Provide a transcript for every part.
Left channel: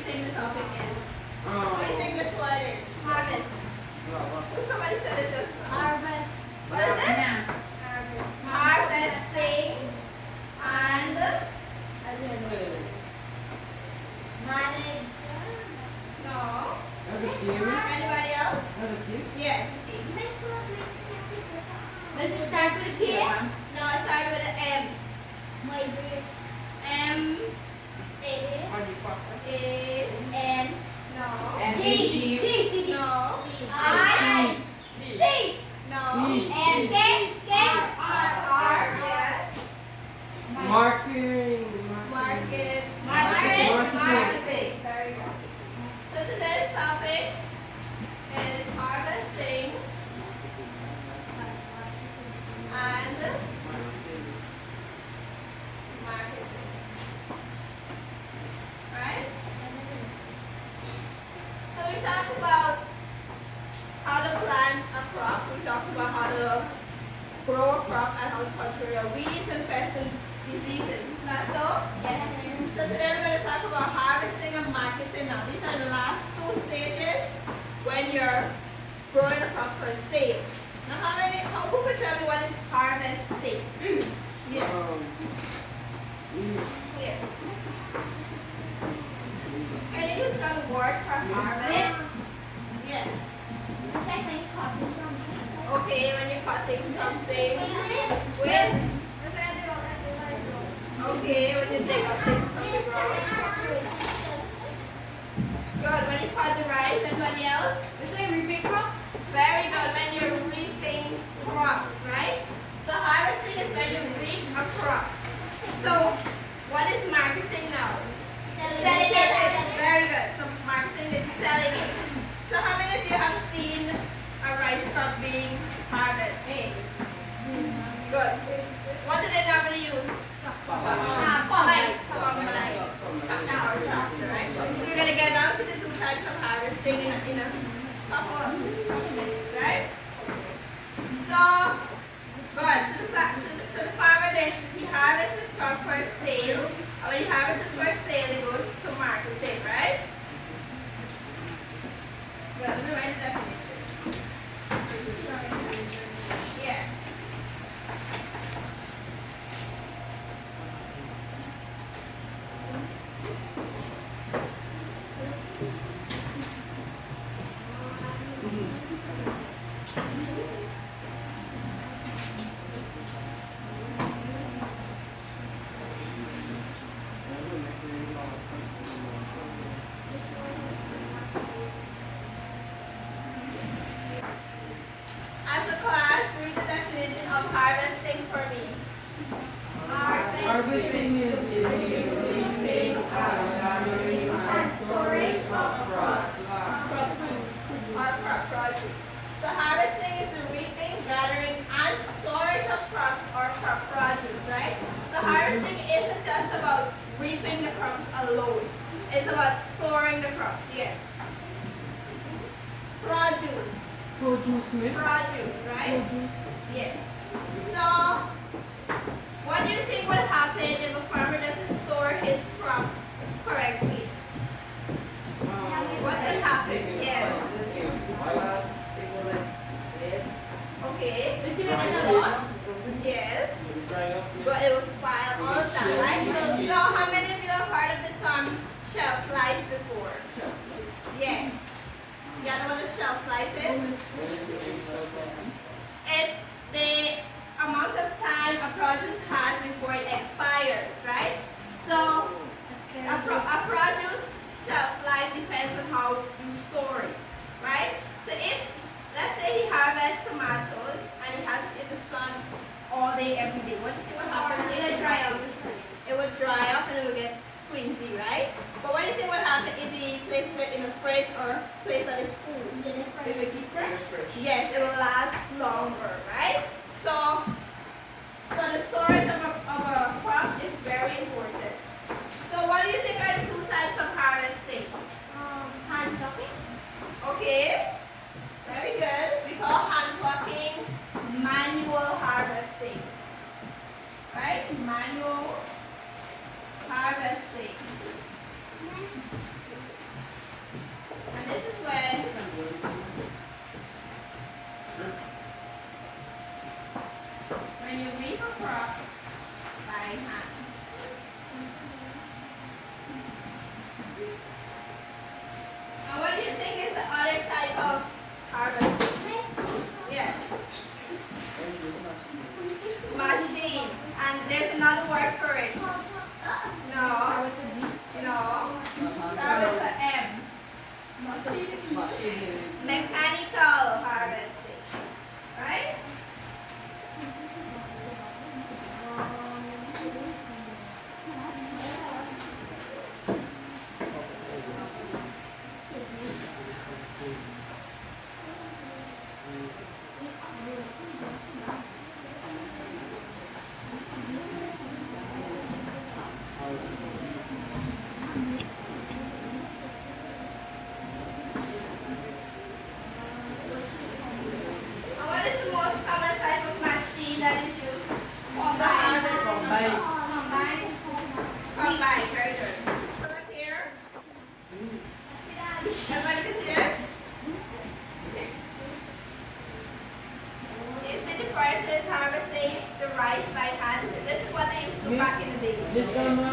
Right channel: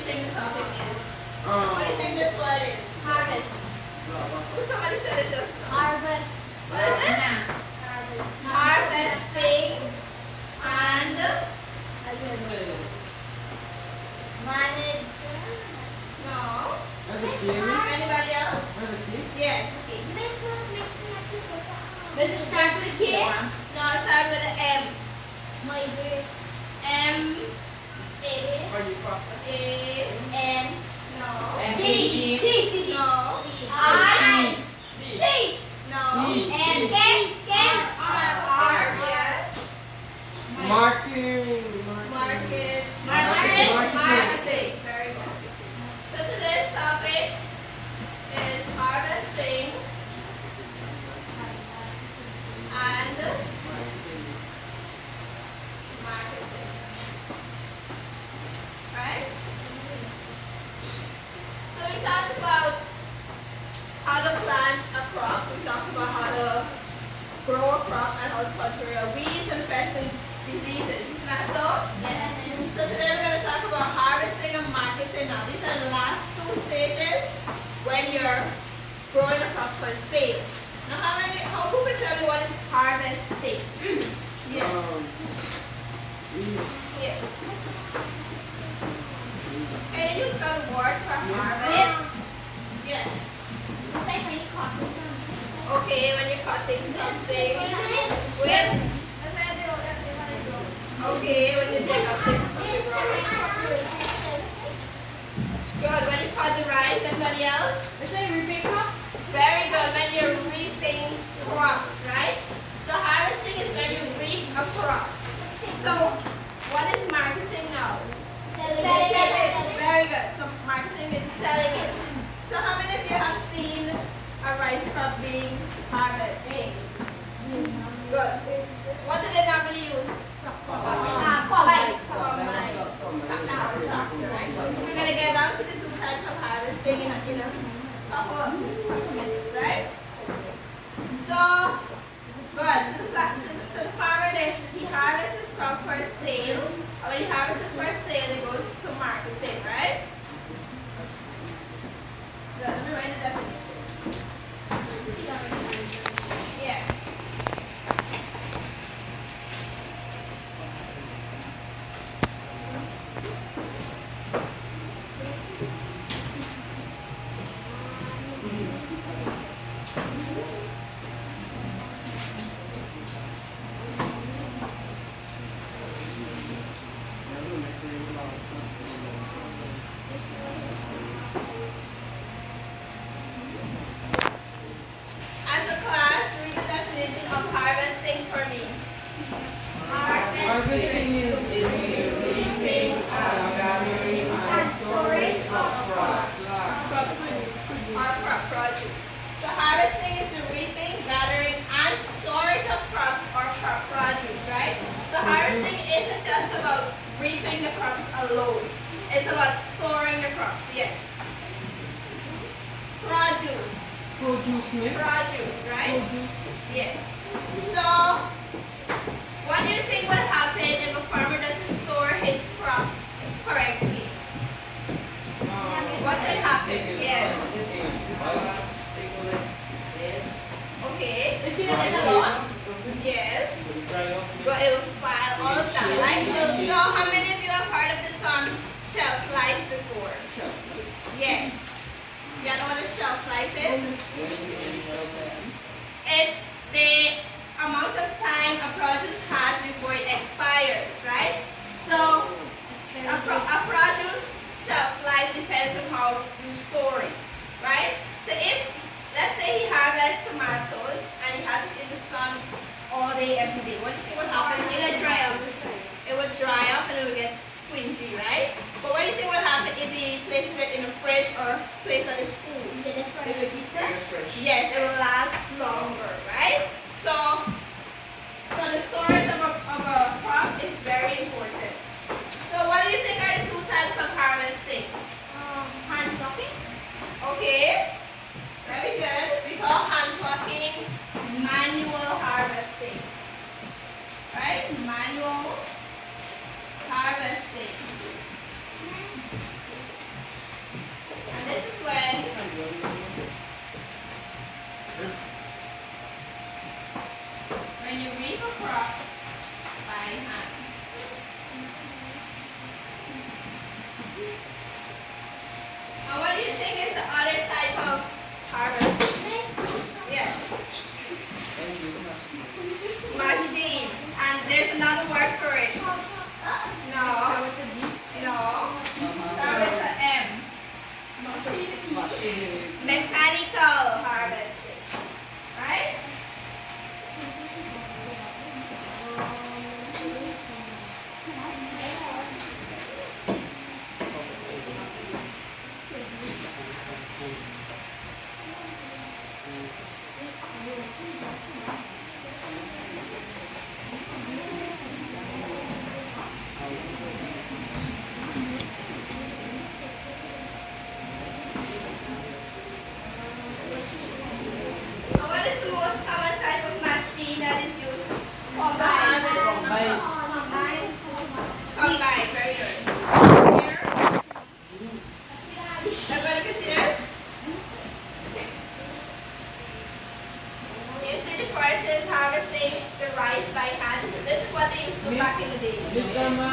you think the topic is? What do you think this word is? Harvest. Oh, somebody said it just now. Harvest. What is it? Harvest. Harvesting and Manage. no. Anybody else? Yes. Does it start with a K? No, it starts with an M. Maybe. M. A. A. N. No. G. No. I. C. No. M. K. R. Yes. Marketing. Marketing. Very good. So today's topic is harvesting and marketing. Right? So we talked about how to plant a crop. We talked about how to grow a crop and how to control weeds and pests and diseases. Isn't that so? Yes. So today we're going to talk about harvesting and marketing. Now these are the last two stages when you're growing a crop for sale. Now who could tell me what is harvesting? Yeah. Yeah. Can you use the word for harvest? Yeah. It's like when you cut something. Okay, when you're cutting something with. Okay, when you dig up things from the ground. Good. When you cut the rice, anybody else? So you repeat crops? Very good. When you're reaping crops, right? So harvesting is when you reap a crop. So what is marketing now? Selling it. Very good. So marketing is selling it. So how many of you have seen a rice crop being harvested? Good. What do they normally use? Combine. Or tractor, right? So we're gonna get down to the two types of harvesting in a couple of minutes, right? So good. So the farmer then he harvests his crop for sale. And when he harvests it for sale, it goes to marketing, right? Good. Let me write the definition. Yeah. As a class, read the definition of harvesting for me. Harvesting is reaping, gathering, and storage of crops. Or crop produce. So harvesting is the reaping, gathering, and storage of crops or crop produce, right? So harvesting isn't just about reaping the crops alone. It's about storing the crops, yes. Produce. Produce, right? Yeah. So, what do you think would happen if a farmer doesn't store his crop correctly? What could happen? Yeah. Okay. Is it a loss? Yes. But it will spoil all of that, right? So, how many of you have heard of the term shelf life before? Yeah. Y'all know what a shelf life is? It's the amount of time a produce has before it expires, right? So a produce shelf life depends on how you store it, right? So if, let's say he harvests tomatoes and he has it in the sun all day, every day, what do you think would happen? It will dry up. It would dry up and it would get squingy, right? But what do you think would happen if he places it in a fridge or place it in a school? It will keep fresh. Yes, it will last longer, right? So the storage of a crop is very important. So what do you think are the two types of harvesting? Hand plucking. Okay, very good. We call hand plucking manual harvesting.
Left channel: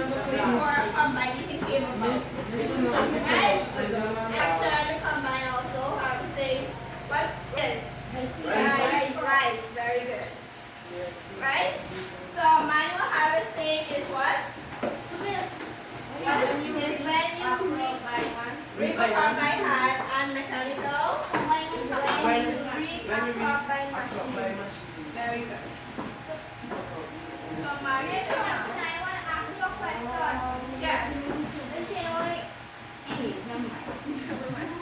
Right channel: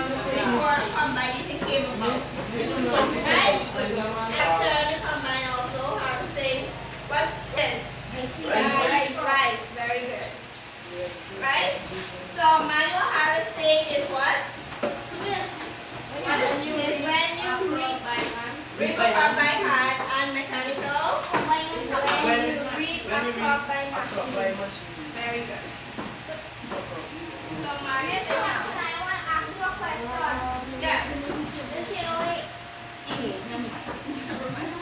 before combining came about. Right? After the combine also, I would say, what is? Rice. Very good. Right? So manual harvesting is what? Reap a crop by hand and mechanical. When you reap a crop by machine. Very good. So marketing. Yeah. Never mind.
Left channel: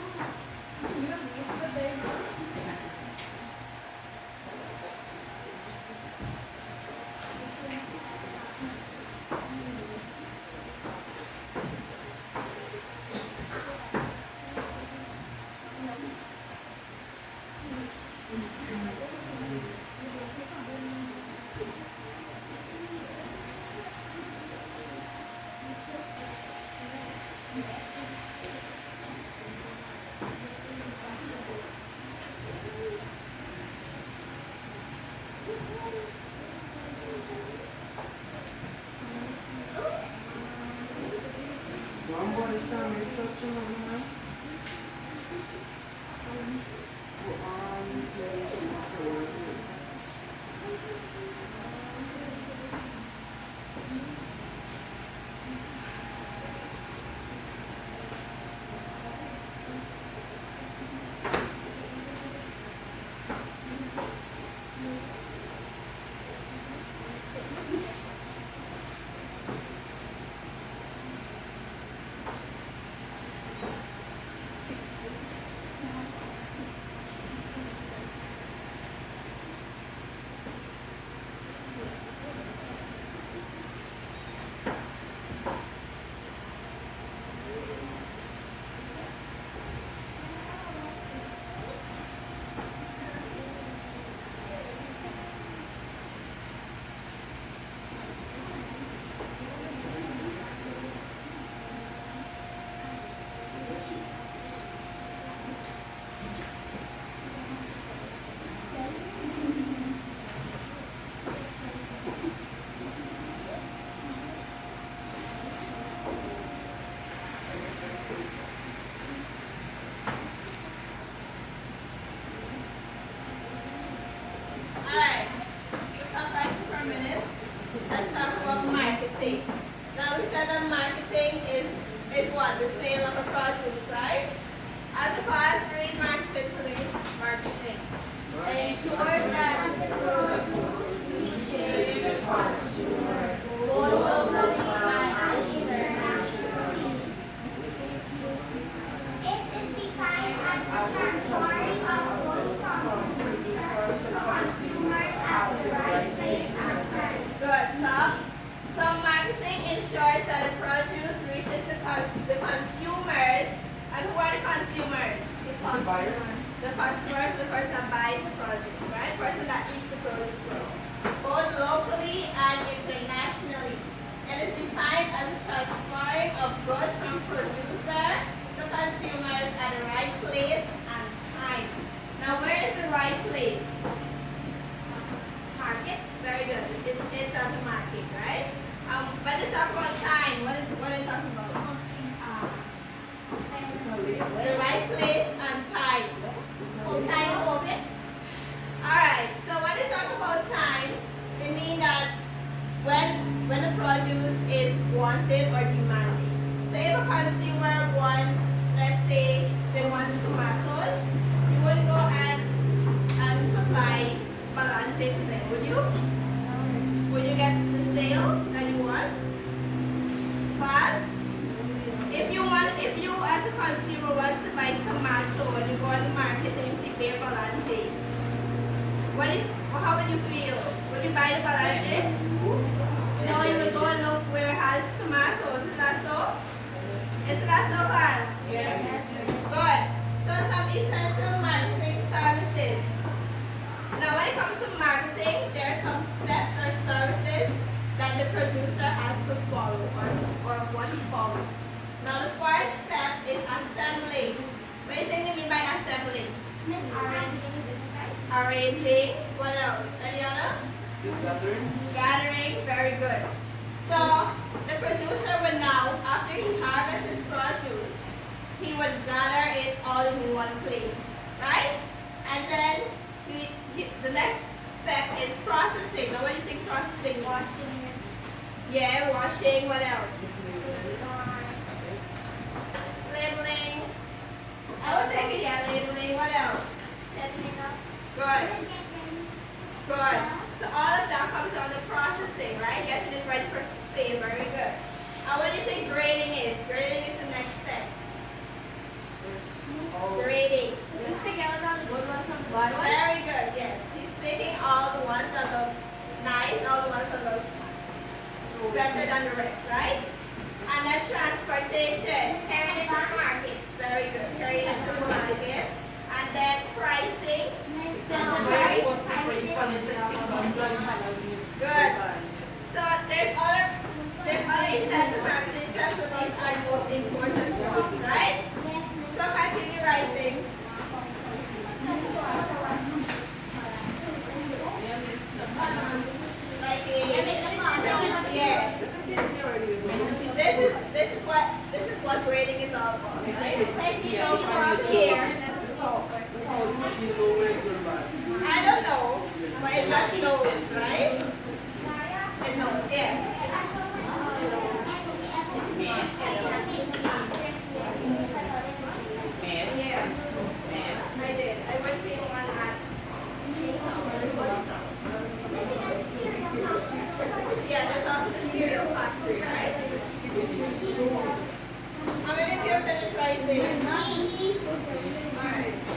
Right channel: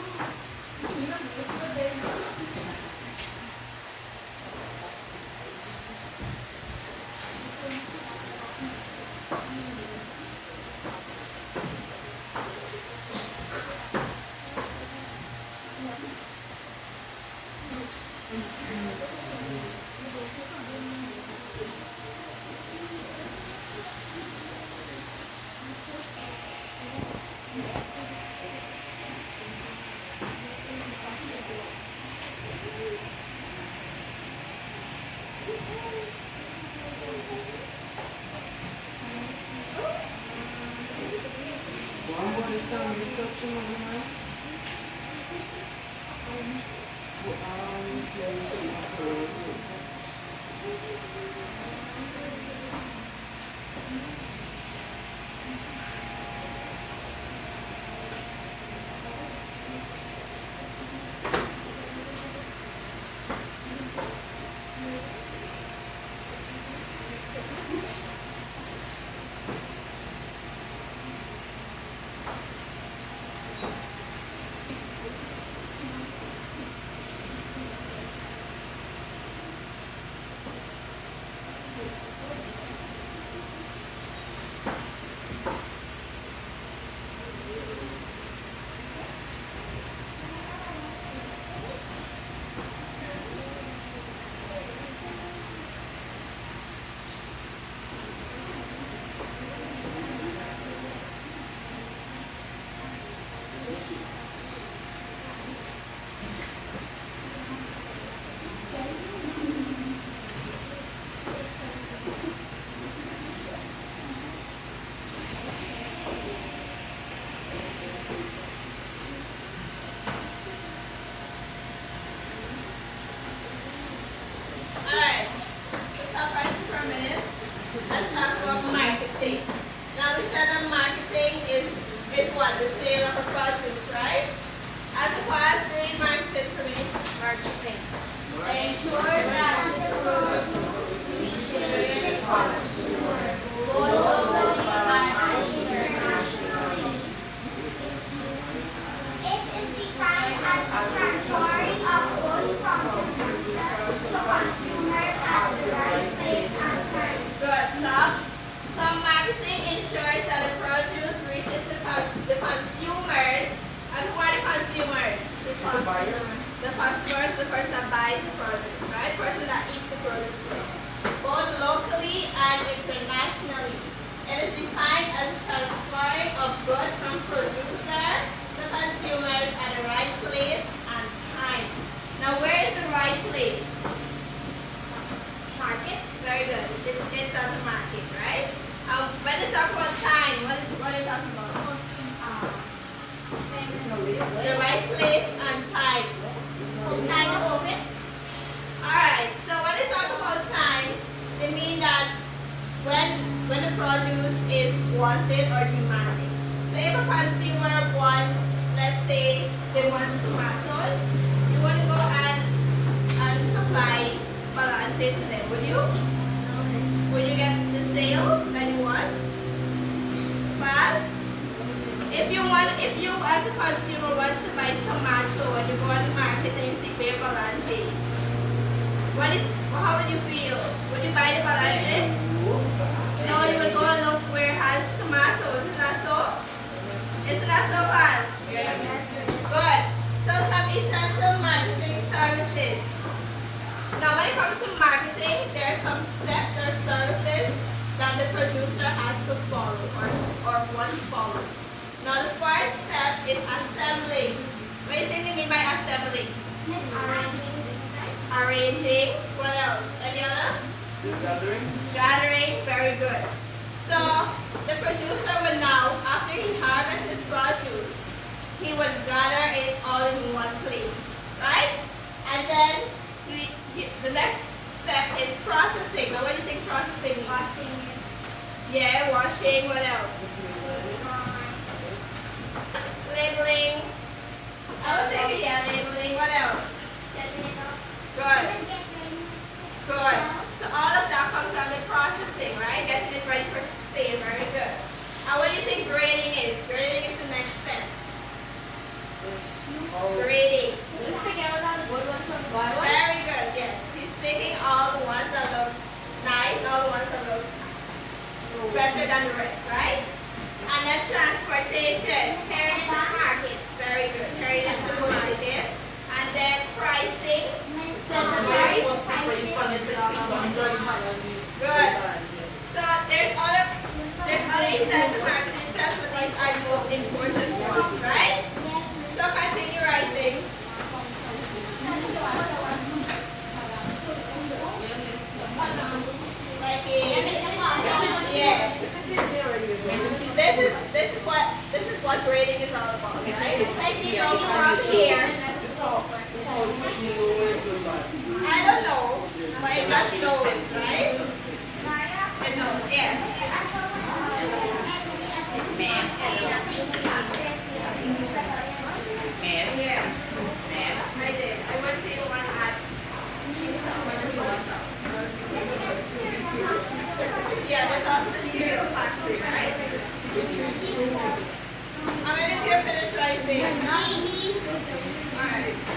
Alright, let's stop right for a minute. Let's talk about marketing. Now we said that marketing is what? The sale of a produce, right? As a class, read marketing for me. Marketing ensures that the produce reaches the consumer both locally and internationally. It is defined as the transferring of goods from producer to consumers at the right place and time. Good, stop. So marketing ensures that the produce reaches the consumers. And who are the consumers? The buyers. The customers, the person that buys the produce, right? Person that eats the produce. Both locally and internationally. It is defined as the transferring of goods from producer to consumers at the right place and time. Now where is the right place? Market. Very good. It's at the market, right? When they talk about time, what are you talking about? The right place and time. Time open. Alright, so when they talk about time, they mean that when the produce is wanted or demanded. So if a consumer wants, let's say, they want tomatoes, you wouldn't go and supply balances to them, would you? Would you get the sale that you want? Fast? If you as a consumer wants to buy tomato and you go on the market and you see paper balance, how would you feel? Would you buy the balance? No, you would go and look where it has tomatoes. Isn't that so? Isn't that so fast? Yes. Good. So some essential marketing services. Now when it comes to marketing, there are some steps or services that the producer has to follow or what he follows. Now the first step is assembling. What do you think they mean by assembling? Arranging. What else? Any other? Gathering. Gathering. Very good. So the producer would now, after he harvests his produce, he would gather it all in one place, right? And then the next step is processing. Now what do you think processing means? Washing Yeah, washing. What else? Labeling. I would think, yeah, labeling. What else? setting it up. Good. Good. So all of that comes under processing, right? Getting it ready for sale. Very good. What do you think grading is? Grading is the next step. Grading. Just pick out all the good ones from the bad ones. Very good. Yes. He's picking all the ones that looks nice, all the ones that looks better than the rest, right? And then transportation. Carrying it to the market. Very good. Carry it to the market. And then pricing. Set the price. Good. So there's other essential marketing steps, but these are the most important ones, right? So continue writing. Like yeah. This is what grading is all about, right? So from here, I don't know, but it just knows, right? It knows, yeah. Yeah. I did. I worked in one at. Yeah, there's also the cereal factory, right? How many of you are finished writing? Alright.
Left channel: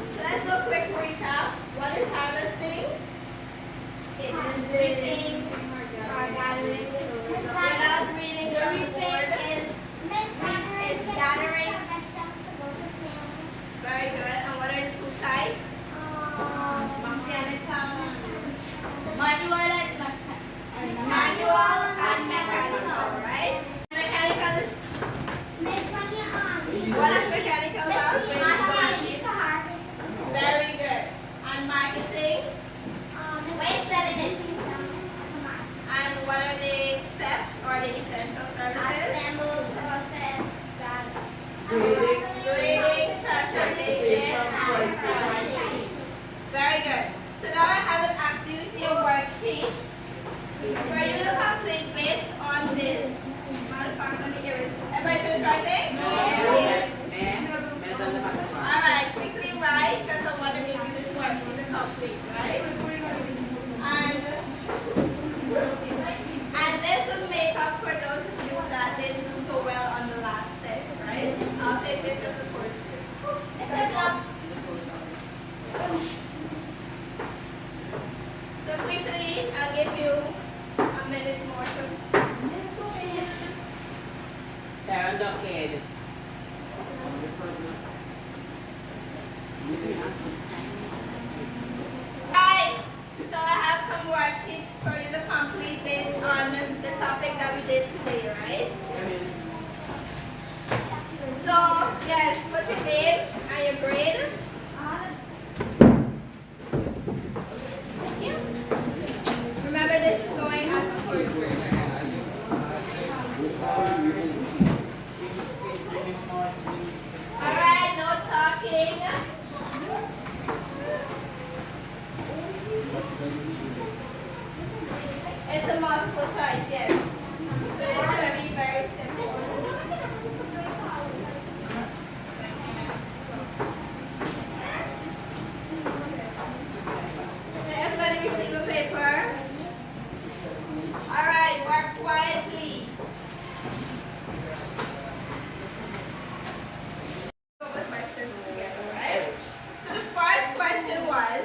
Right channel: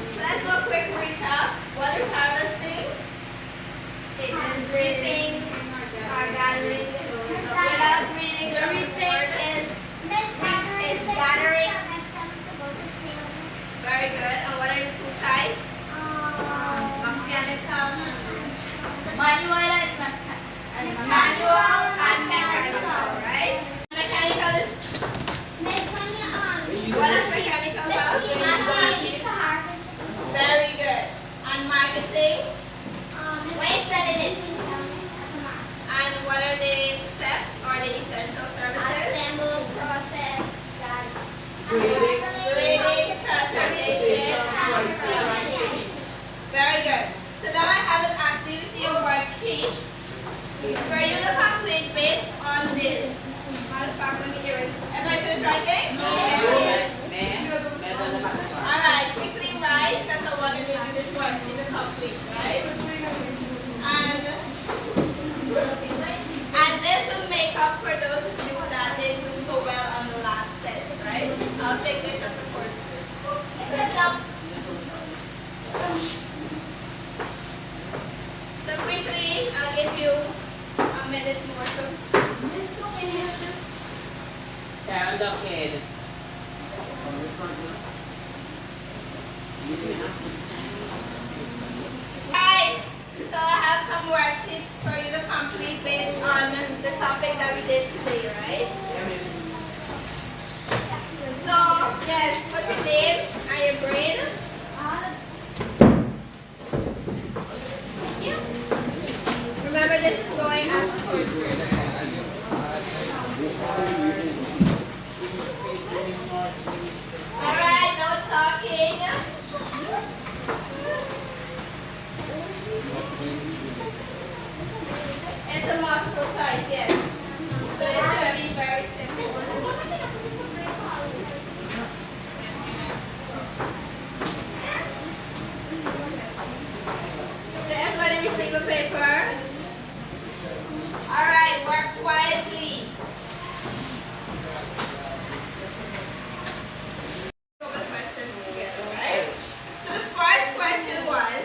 So let's do a quick recap. What is harvesting? Reaping or gathering. Without reading The the reaping report. is gathering. Very good. And what are the two types? Manual and Manual and mechanical, right? Mechanical is, what is mechanical about? Very good. And marketing? Wait, selling it. And what are the steps or the essential services? Assemble, process, Grading, transportation. Very good. So now I have an activity worksheet for you to complete based on this. Matter of fact, let me erase. Everybody finished writing? Yes. Alright, quickly write because I want to give you this worksheet to complete, right? And this will make up for those of you that didn't do so well on the last test, right? I'll take this as a course quiz. So quickly, I'll give you a minute more to Stand up, kid. Right, so I have some worksheets for you to complete based on the topic that we did today, right? So, yes, put your name and your grade. Remember, this is going as a course quiz. Alright, no talking. It's a multiple choice, yes. So it's going to be very simple. Did everybody receive a paper? Alright, work quietly. Go over the questions together, right? So the first question was,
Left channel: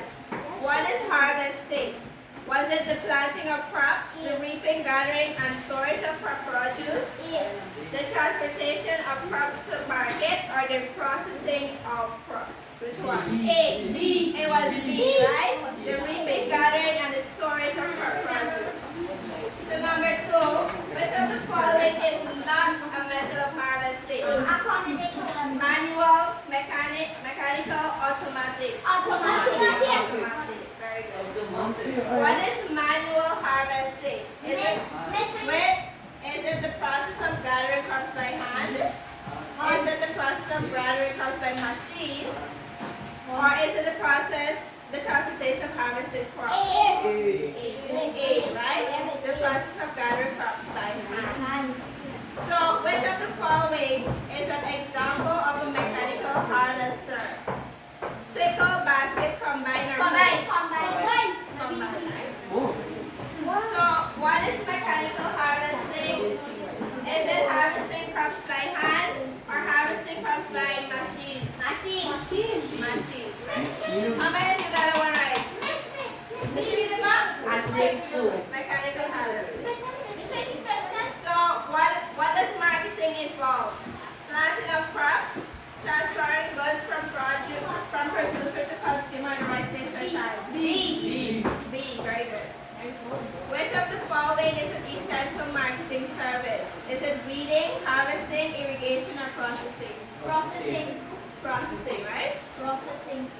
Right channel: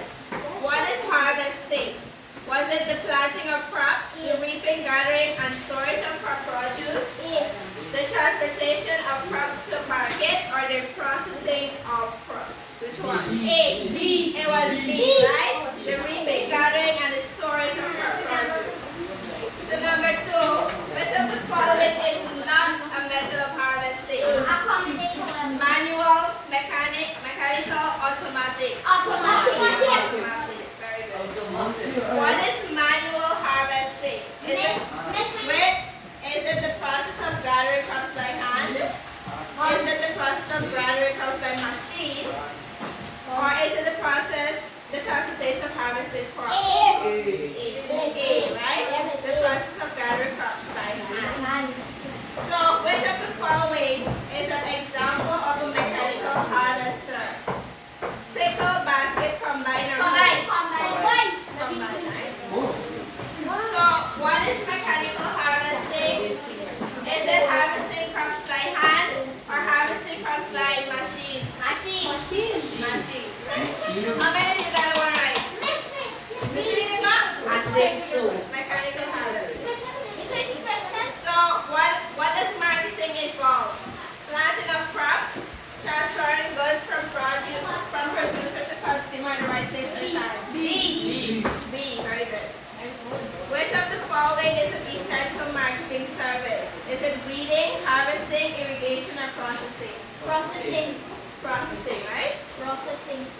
what is harvesting? Was it the planting of crops, the reaping, gathering, and storage of crop produce, the transportation of crops to market, or the processing of crops? Which one? A. B. It was B, right? The reaping, gathering, and the storage of How many of you got it one right? Miss, read them up. Mechanical harvesting. So what does marketing involve? Planting of crops, transferring goods from producer to consumer at the right place or time. B, very good. Which of the following is an essential marketing service? Is it breeding, harvesting, irrigation, or processing? Processing. Processing, right? Processing.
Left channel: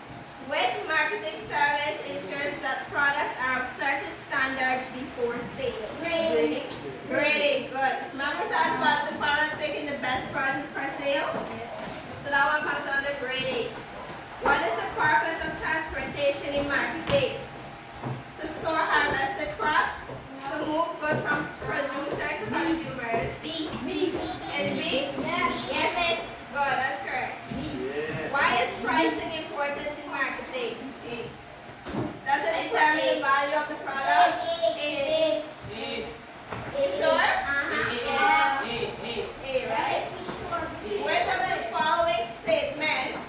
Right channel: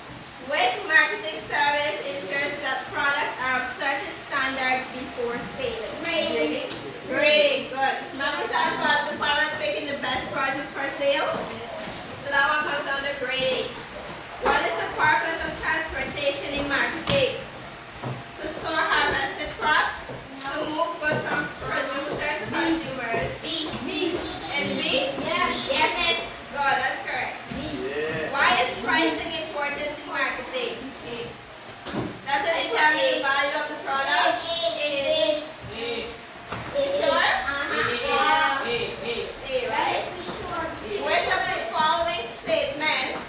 Which marketing service ensures that products are of certain standard before sale? Grading. Grading, good. Remember that about the farmer picking the best produce for sale? So that one comes under grading. What is the purpose of transportation in marketing? To store harvested crops, to move goods from producers to consumers. B. Is B? Yeah. Yes, miss. Good, that's correct. Why is pricing important in marketing? Does it determine the value of the product? Sure? A, right? Which of the following statements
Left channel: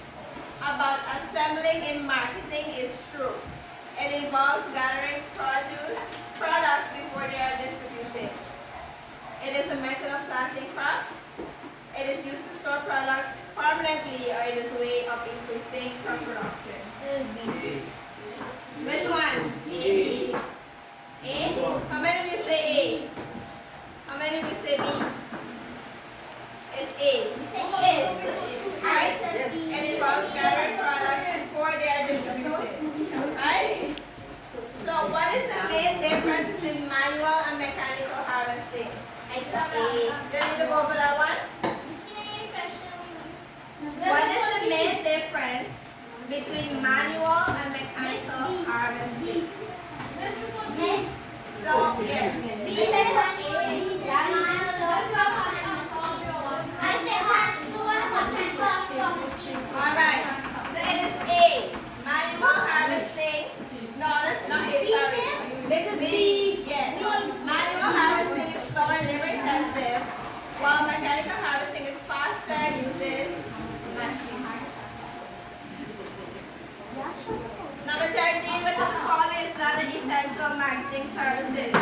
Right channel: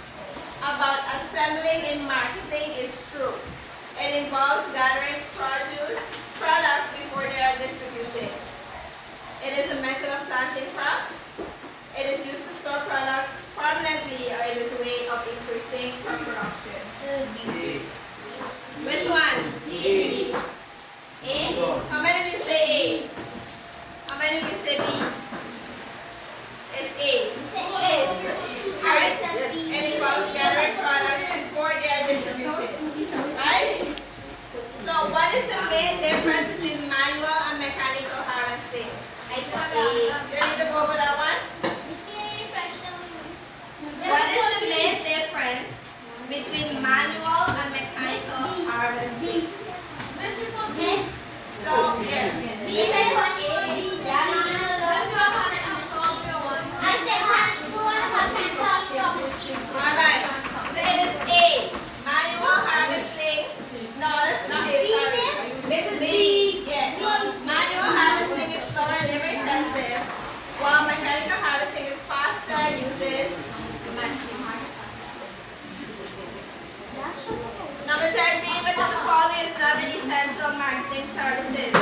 about assembling in marketing is true? It involves gathering products before they are distributed. It is a method of planting crops. It is used to store products permanently, or it is a way of increasing crop production. Which one? How many of you say A? How many of you say B? It's A. Right? It involves gathering products before they are distributed. Right? So what is the main difference between manual and mechanical harvesting? You need to go over that one? What is the main difference between manual and mechanical harvesting? So, yes. Alright. So it is A. Manual harvesting. No, that's not A, sorry. This is B. Yes. Manual harvesting is slower and labor intensive, while mechanical harvesting is faster and uses machines. Number 13, which of the following is not an essential marketing services?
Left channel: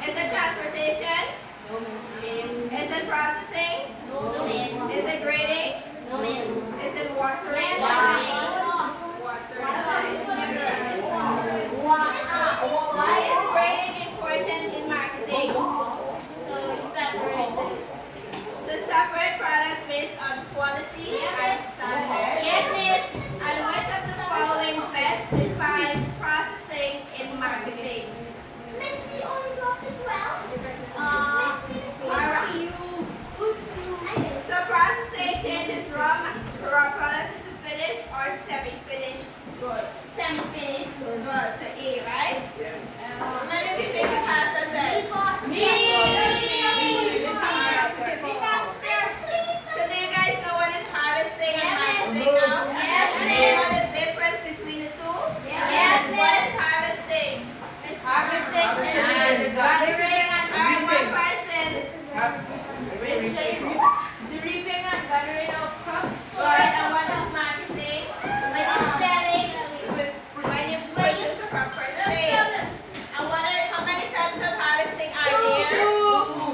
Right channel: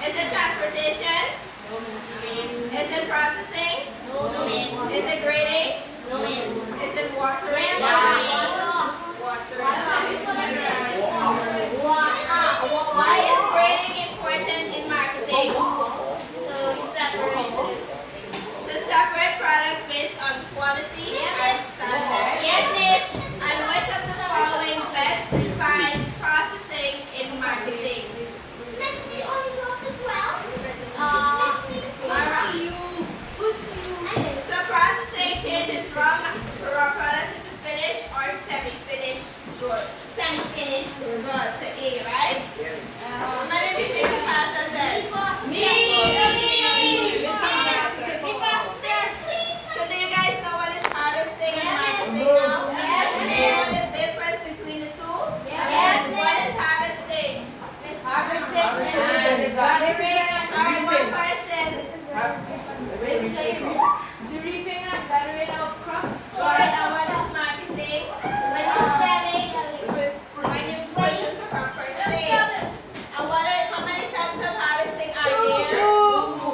Is it transportation? Is it processing? Is it grading? Is it watering? Why is grading important in marketing? To separate products based on quality and standards. And which of the following best defines processing in marketing? So processing changes from raw products into finished or semi-finished goods. Semi-finished. Good, so A, right? How many of you think you passed that test? Me. So do you guys know what is harvesting and marketing now? Yes. Do you know the difference between the two? Yes. What is harvesting? Harvesting is gathering and Alright, one person. the reaping and gathering of crops. Good, and what is marketing? When it's selling. When you purchase the crop for sale. And how many types of harvesting are there?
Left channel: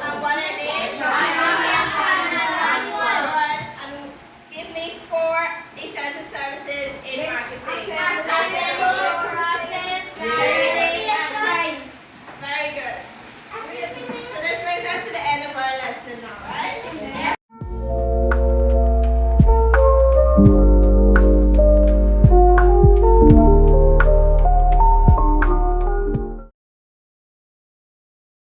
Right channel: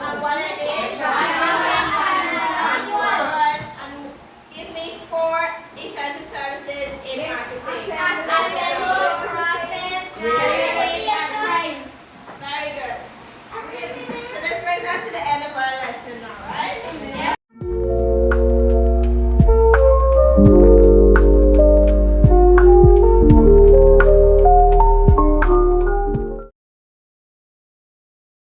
And what are they? Good. And give me 4 essential services in marketing. Process,